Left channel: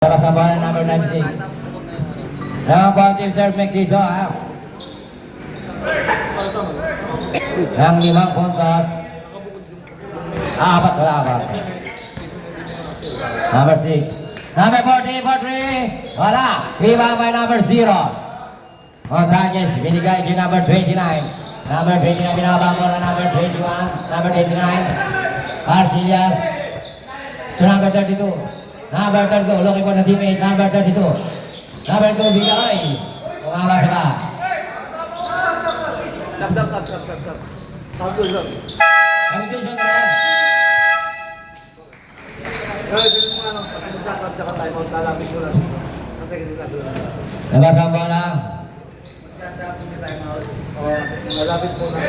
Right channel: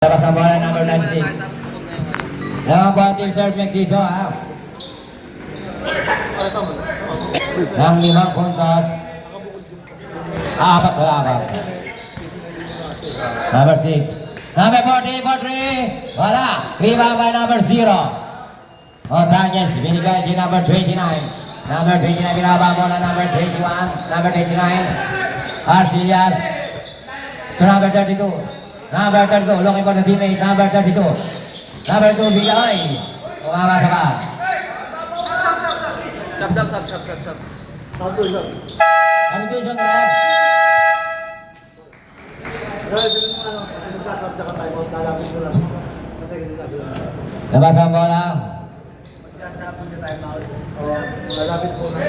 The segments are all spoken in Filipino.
Labas ang bola number 96. Lamang po ang team serve make dito ha. Ng 5 puntos. 4 laban. Number 6. Number 14 for 3. Wala. Rebound by number 0. Montañez binigay kay number 29. Number 29 binabang bola number 21. Number 29. Arcillas. To number 32. Number 32, looking for the teammate, number 32. Number 2, Bigaoy. Umama sa ba? Stop. Substitution Substitution na yan. sunod mo ano, pag sinasakab tsaka timeout, lalapit mo lang. Sa second na doon. Labas ang bola. Magsasakab niya timeout. Lalapit mo na.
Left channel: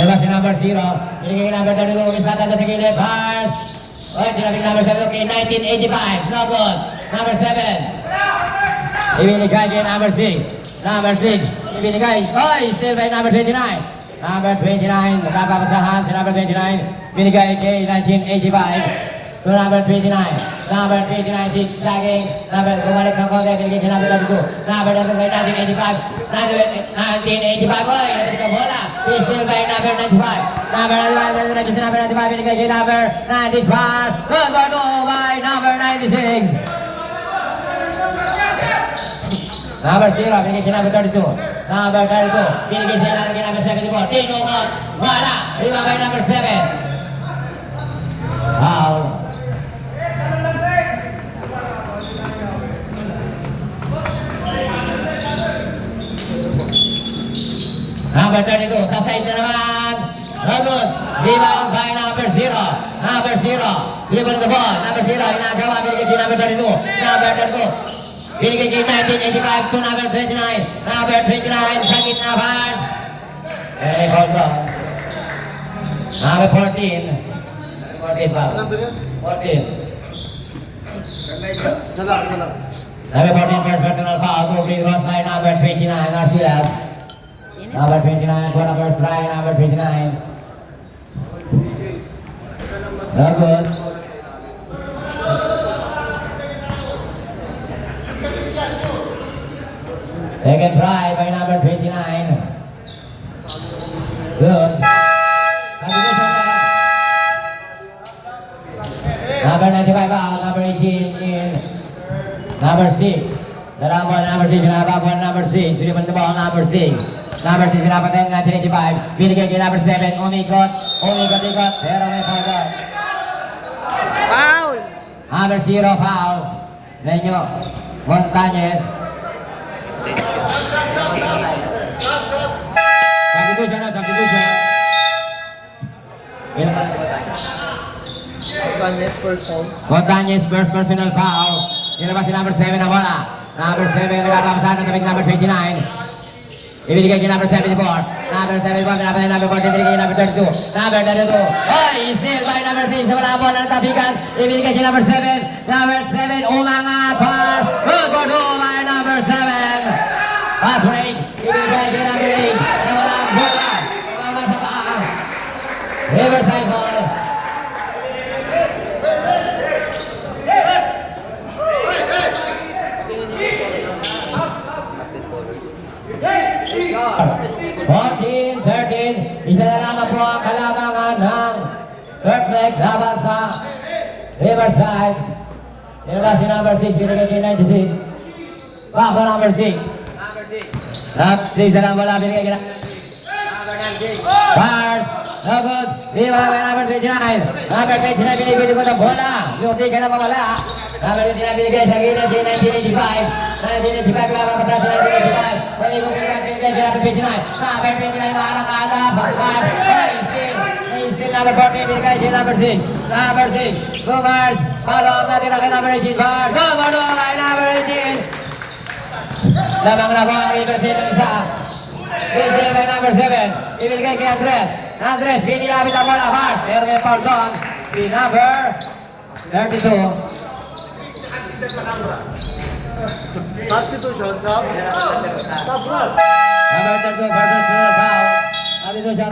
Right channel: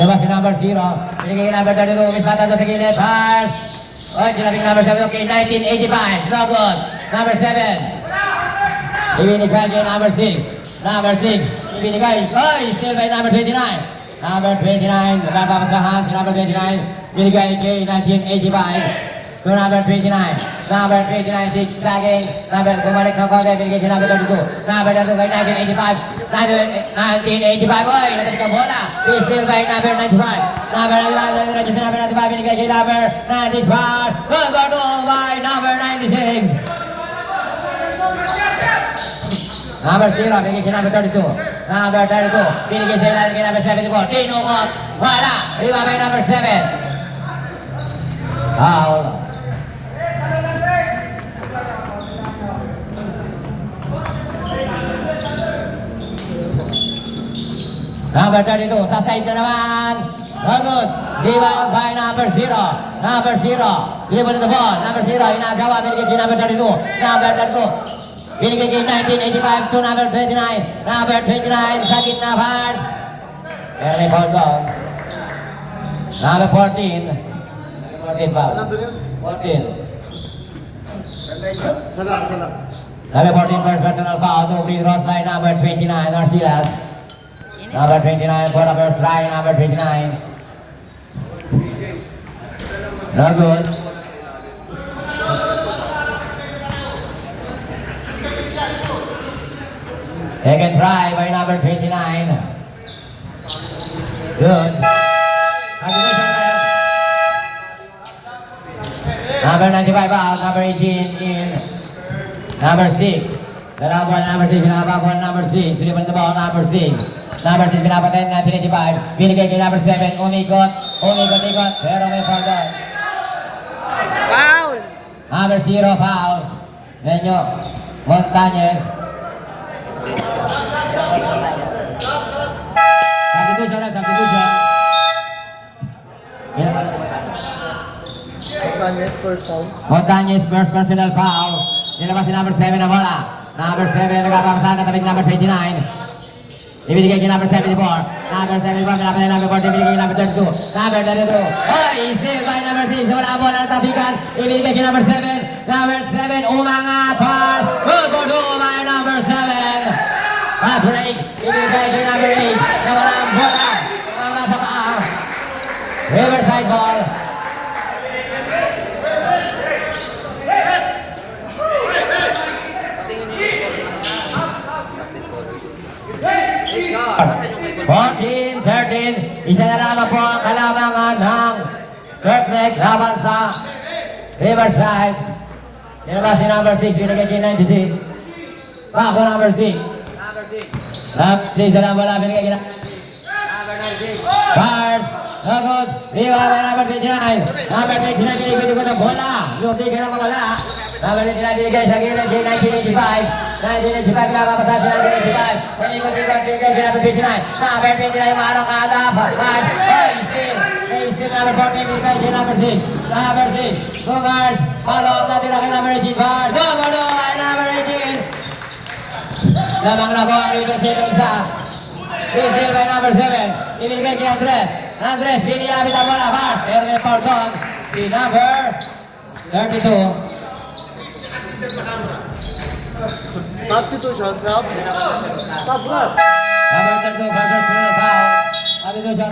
Labas si number 0. Binigay number 32, mispatan to sa gilid. Pass. Oh, ginabing number 7, okay, 1985. No good. Number 7. Ibinigay kay number 6. Number 6. Ibinigay. Oh, still by number 29. Number 29. Napapakasahan si number 29. Binigay kay 1985. To number 29. Number 29, zigzagging. Number, bumalik ng konti. Binigay kay number 32. Number 32 kay 1985. 1985. Oy, natin ka bola. Still by number 95. Number 95, binigay kay number 95. Number 2 by number 96. Number 0, binigay kay number 32. Number 32, binigay kay number 74. Tinukot. Wala. Riba by number 7. Foul. Number 32, sa side na naman. Good. Rebound by number 0. Number 0. Dribble the ball. Number 0. Inagawa. Binigay kay number 32. Number 32. Binigay kay 1985 to number 29. Number 29. Sa gitna pass. Very foul ball. Number 14. 14 foul. 14. Salam. Number 14 first personal foul. To free cross by number 29. Arcilas. Number 29 for number Fry. Number 29. No good. Second try by number 29. Good. Number 95 out. Number 18 in. Number 6. Number 6. Number 6. Dribble the ball. Number 6. Number 6 pinapatay na 1985. Binigay kay number 7. Umikot. Pero may foul. Foul! Number 0 foul. Menyo. Montañez. Substitution. Montañez first personal foul. Nilabas si number 7 na bola. Number 7 nagkakapasahan na tabi number 29. Ibigay kay number 74. Number 74, pinapatay number 40. Ibigay kay number 32. Number 32. Oh, isil by number 6. Wala po ng tabigan. Ibigay kay number 7. Number 7, umanga par. Go by number 7. Pass break. Ibigay kay number 8. Nawala ang bola. Umanga sa paa. Riverside ball. Fourteen, 13, isa na lamang po ang kalamangan ng Surflex laban sa Riverside. Nilabas si number 6, binigay kay 96. Bago number 6. Isa lang wala, binigay kay number 96. Bars, lagod, liwa by number 29. Number 29, binigay ko ng bola. Yung tigil na wala. Number 29, binigay sa gilid kay 1985. 1985 laban pa sa 1985. Panikot-ikot binigay kay number 29. Number 29, marang-ala. Bars, still number 14, binigay kay number 6. Number 6, go Bars. Follow up natin kay number 18. Bars, go by number 18. Lamang na ko ang Riverside ng isa. Still by number 7. Ibigay kay Andres. Andres, biniyapit ang bola. Bars, pero may foul dog. Si number 32. Substitution, sub. Substitution. Number 32, personal foul. Substitution.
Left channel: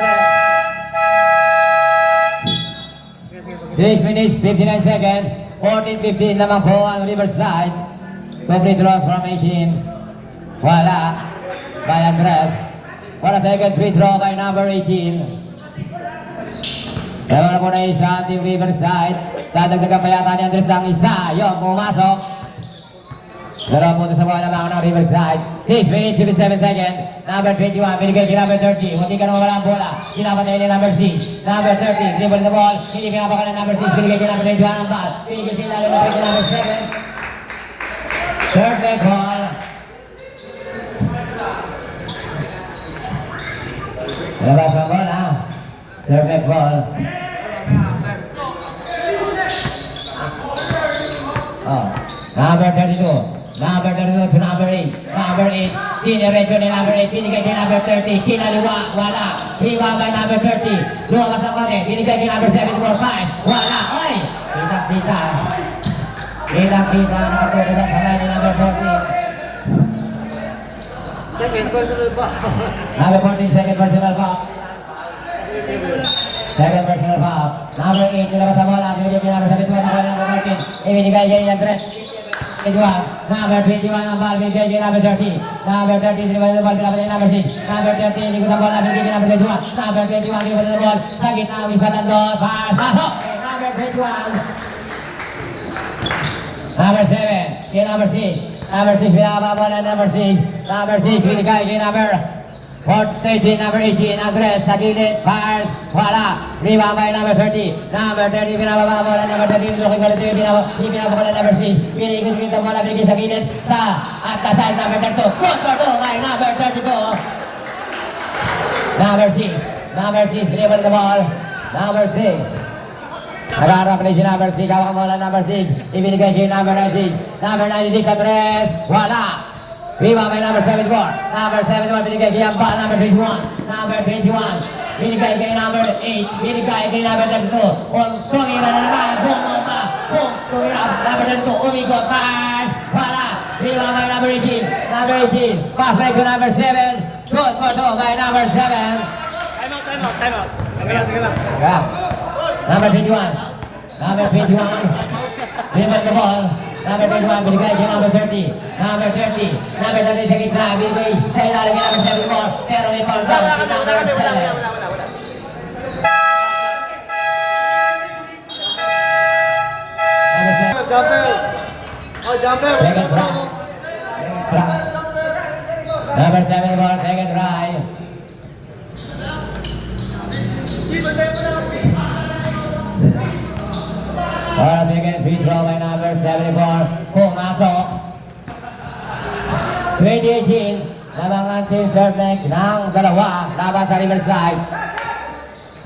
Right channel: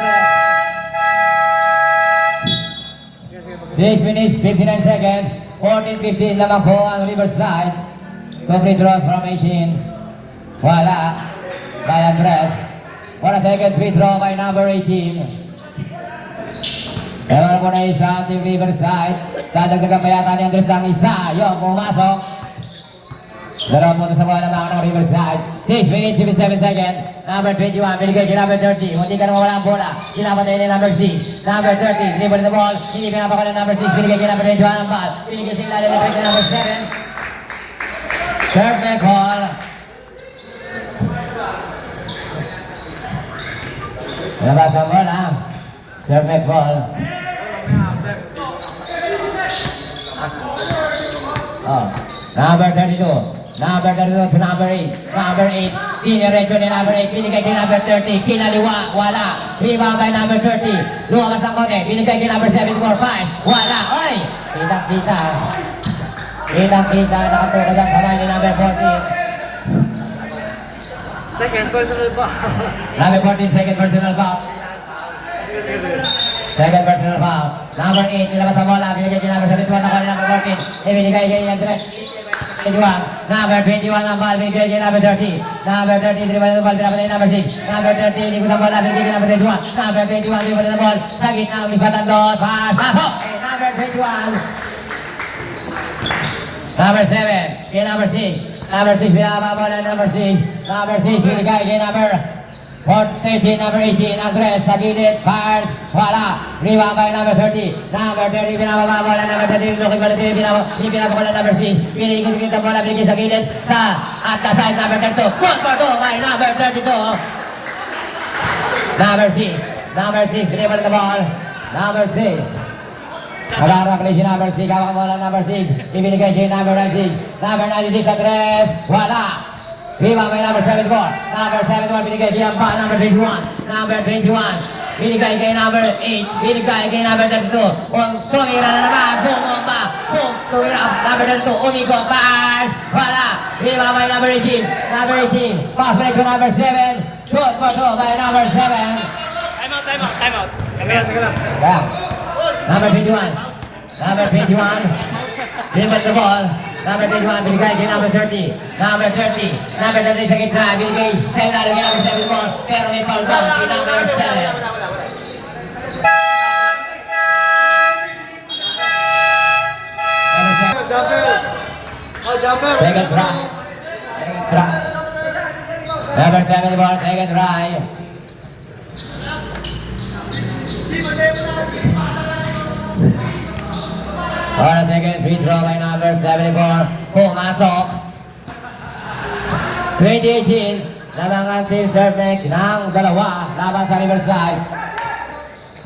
6 minutes, 59 seconds. 14-15 lamang po ang Riverside. 2 free throws from 18. Wala. By Andres. For a second free throw by number 18. Meron po na isa Team Riverside. Dadagdagan pa yata ni Andres ng isa. Yung pumasok. Meron po sa mga lamang ng Riverside. 6 minutes, 57 seconds. Number 21, binigay si number 30. Hindi ka na mawala ang bola. Pinapatay ni number 6. Number 30, dribble the ball. Hindi pinapakala ng number 6. Binigay si number 21 ang ball. Binigay si ilalim na si number 7. Perfect ball. Labas ang bola. Perfect ball. Oh. Number 32. Number 32 to number 8. Number 8. Diniretso ni number 8. Binigay kay number 30. Kinaliwa. Wala. Rebound by number 30. Lumakas ang kote. Binigay kay number 7 for 5. Wala. Oy! Kita-kita. Kita-kita. Nakatulad ang kamay ni number 14. Second, personal ba? Number 14, second personal foul. Second personal foul. Number 8. Nilakas ang bola. Binigay kay number 7 for number 14. Ibinigay kay Andres. Number 21 ang ball, binigay kay number 30. Number 30, dribble ng ball, pinapatay number 6. Number 30, likod ang bola, binigay kay number 21. Number 21, dribble ng ball, sa gitna, umipatan doon, pasok! Number 21. Number 7, kay number 6. Number 6, pinapabol ng number 6. Number 6, binigay kay number 13, number 18, Andres, sa gilid, fires, wala. Rebound by number 30. Number 30, pinapabol ng number 30. Looking for the 30, pinapabol ng number 6. Pinigit ang bola, binigay sa gilid, sa at the side, number 32. 1 for 2 by number 32. Number 6. Number 6, dribble the ball. Number 6. Nagharap na si number 6, ang bola number 6. Ibinigay kay number 96. Number 96, Andres, wala. Rebound by number 74. Number 71, binigay kay Ampa, number 21. Number 21, binigay kay number 8. Binigay kay number 32. Tumira na naman, bumomba. Tumira, number 32, umigo, pass. Wala. Rebound by number 18. Number 18, pass break to number 7. Good for 2 by number 7. Time out. Teka lang. Yeah. Number 21. Number 21. Dribble the ball. Number 21, binigay kay number 30. Number 30. Number 30 sa gitna. Binigay sa ilalim kay number 7 more. Pero may foul down kay number 7. Jumper! Oh, jumper! Second try. Second try. Number 7 ball, second try. For a second free throw by number 74. Pumasok. 2018. Nalangan si Servec ng dalawa. Laban sa Riverside.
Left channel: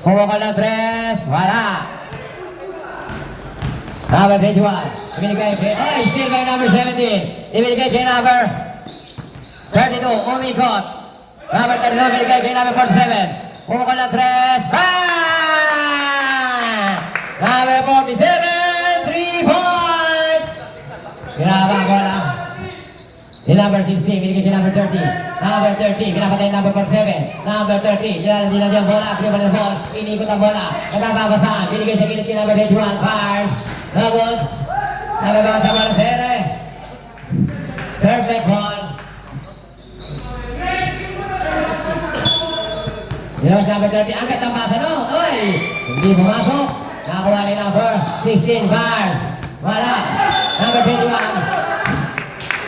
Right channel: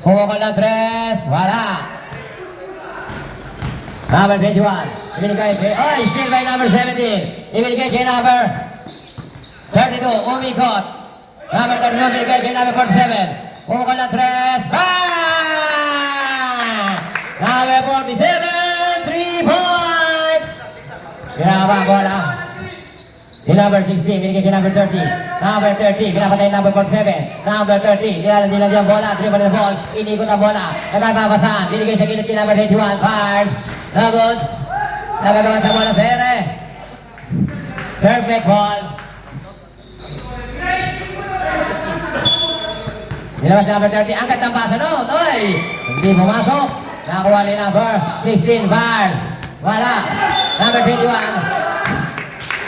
Pumukol ng 3. Wala. Number 21. Ibinigay kay... Oy! Still by number 17. Ibinigay kay number 32. Umikot. Number 32. Ibinigay kay number 47. Pumukol ng 3. Bang! Number 47. 3-point! Pinaba ang bola. Di number 16. Ibinigay kay number 30. Number 30. Pinapatay number 47. Number 30. Nilalandi ang bola. Dribble the ball. Inikot ang bola. Nagkakabasa. Binigay sa gilid kay number 21. Fires. Nagod. Nagagawa sa bola. Sere. Perfect ball. Nilabas number 30. Angkat ang basa no. Oy! Hindi pumasok. Nakuha ni number 16. Fires. Wala. Number 21.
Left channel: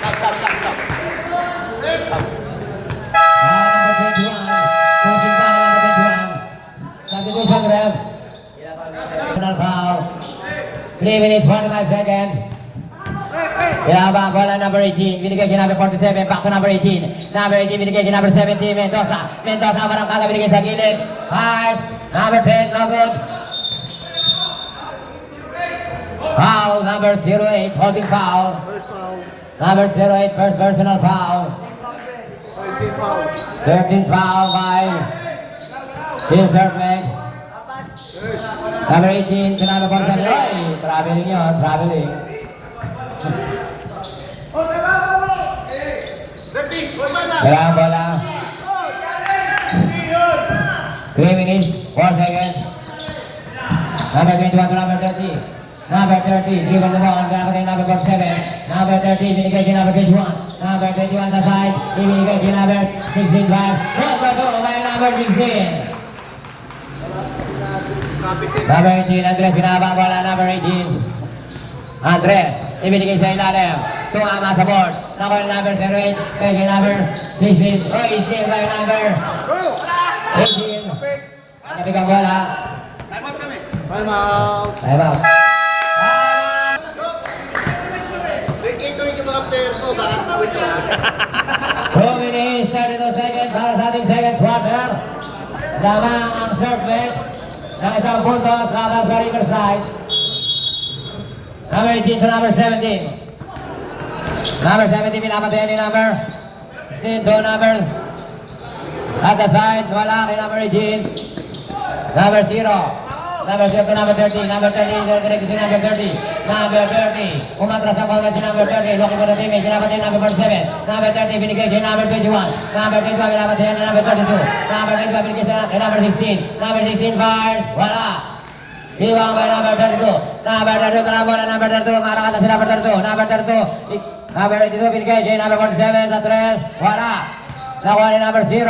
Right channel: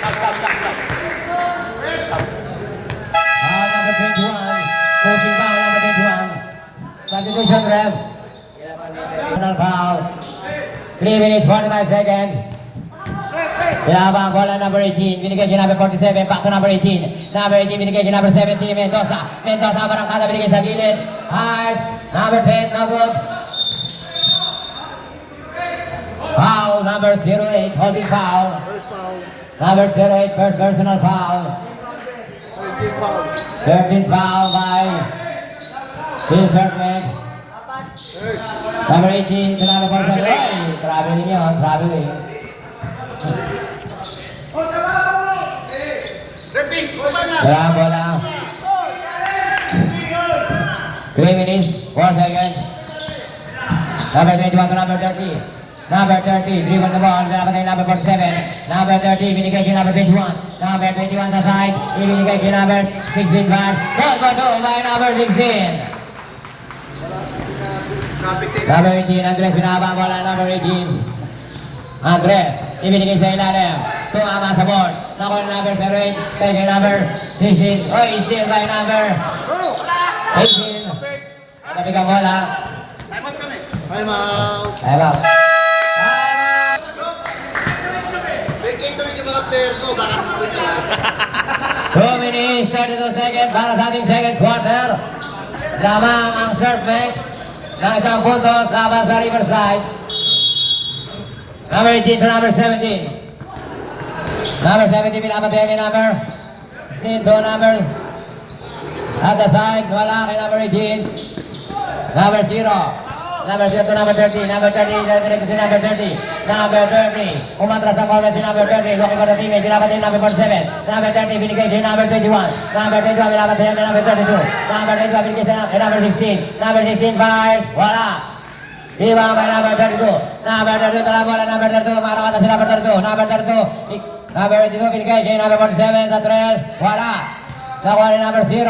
Stop. Number 21. Coaching foul number 21. Substitution ref. Final foul. 3 minutes 45 seconds. Pinaba ang bola number 18. Binigay kay number 47. Back to number 18. Number 18 binigay kay number 17. Mendoza. Mendoza barangkada binigay sa gilid. Pass. Number 10. No good. Foul number 08. Holding foul. Number 08. First personal foul. 13th foul by Team Servec. Number 18 to number 47. Ay, traveling yun, traveling. Kaya ang bola. 3 minutes, 4 seconds. Number 21 to number 30. Number 30, driven the ball, number 47. Number 30, binigay kay number 21. Number 21 sa side, ibinigay kay number 16 man. Number 2 by number 16. Number 18, Andres, pinababala number 18. Andres, ibinigay sa ilalim. Tumama sa board. Nakuha number 08, kay number 16. Oh, steal by number 18. Tapi ka bola. Time out. Time out. Ito yung mga player ko, baka gusto nyo. 2 minutes, 32 seconds para sa ating second quarter. Lamang ang serve net ng isang puntos laban sa Riverside. Number 18 to number 17. Number 17 pinapatayan ni number 16 to number at the side, wala kay number 18. Number 0. Number 0 to number 30. Number 30, nalagay si number 30. Number 30. Umatras ang bawat si number 30. Looking for the teammate. Pinapatayan number 47. Number 30, binigay kay number 21. Number 21, pinapatayan ni number 32. Number 22, binigay kay number 16. Number 16, fires. Wala. Ibang by number 32. Number 32, bola number 32. Marang atas si number 32. Number 32. Number 32, binigay kay number 47 sa 3. Wala. Nakuha ni number 0.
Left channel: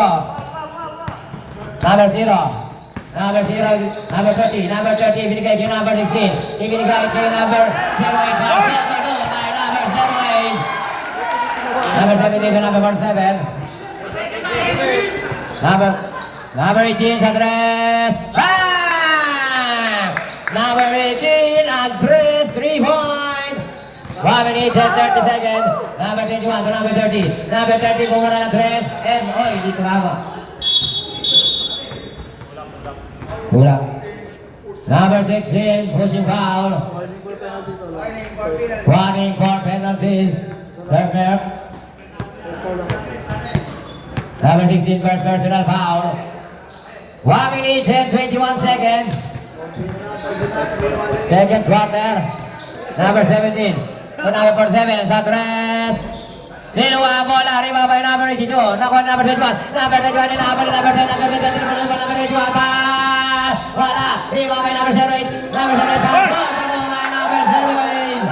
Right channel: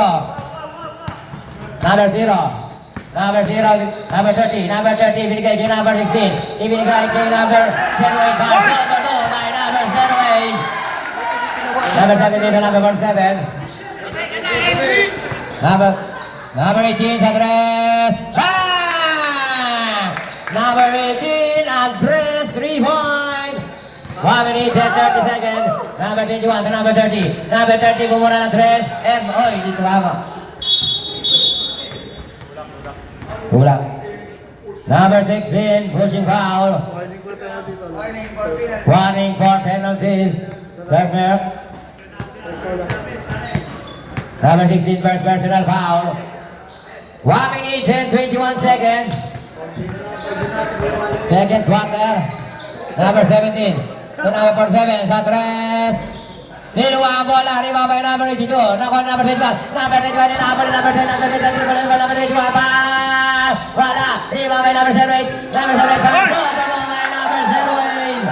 Number 0. Number 0, number 30, number 30, binigay kay number 16. Ibinigay kay number 08, by number 08. Number 17 to number 47. Number 18 sa 3. Bang! Number 18, Andres, 3 point. 1 minute and 30 seconds. Number 21 to number 30. Number 30, kumura ng 3. And, oy, dito mama. Kulang. Number 16, pushing foul. Warning Warning for for penalty. penalties. Server. Number 16, first personal foul. 1 minute and 21 seconds. Second quarter. Number 17. To number 47, sa 3. Niluwa ang bola, rebound by number 82. Nakuha number 21. Number 21, number 10, number 21, pass! Wala! Rebound by number 08. Number 08, pass! Ball by number 08.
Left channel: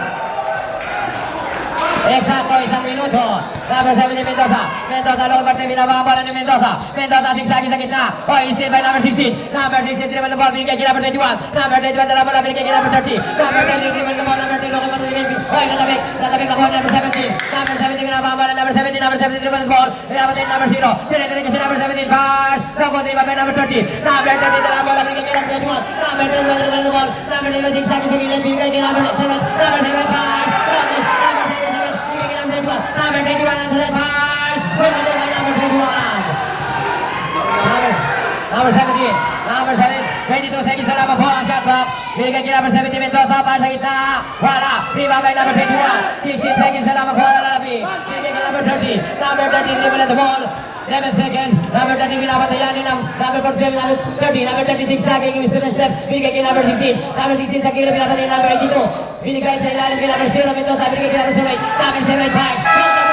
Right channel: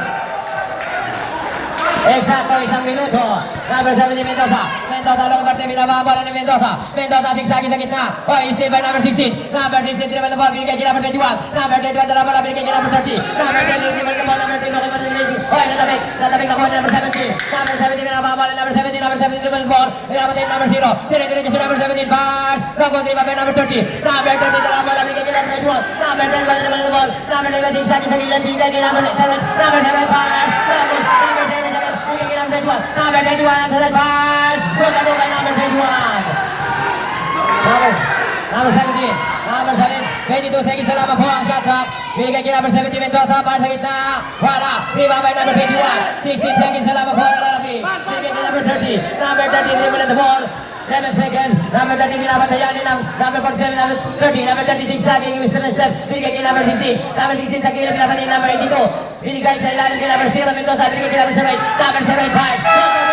Eksakto, isang minuto. Number 17, Mendoza. Mendoza, long parte, binaba ang bola ni Mendoza. Mendoza, zigzagin sa gitna. Oh, steal by number 16. Number 16, dribble the ball, binigay kay number 21. Number 21, dala bola, binigay kay number 30. Number 30, dribble the ball, number 10, long parte, binigay. Oh, natabik nakuha number 17. Number 17, binaba ang bola, number 17, dribble the ball. Binaba kay number 0. Tinitinig si number 17, pass. Rogo, dribble by number 30. Number 30, dala bola, binigay kay number 21. Number 21, dribble the ball. Number 11, zigzagin sa gitna, binigay kay number 7. Number 7, pass. Number 7, number 21 ang sa pass. Pagkali by number 21. Number 17. Number 7. 22 seconds sa laban po ang shot clock. Binigay kay number 17 Mendoza. Pass sa gitna. Wala. Rebound by number 21. 16 seconds sa laban po ang lalabi. Binigay kay number 30. Number 30 dribble at the ball. 11 seconds. Number 30 pinapatayan ni number 47. Number 30. Number 36 lagi yung Mr. Step. Binigay kay number 16. Number 16 sa kilid pinapatayan number 82. Binigay sa ilalim kay number 0 Mendoza. Binigay kay number 08. Number 08 5.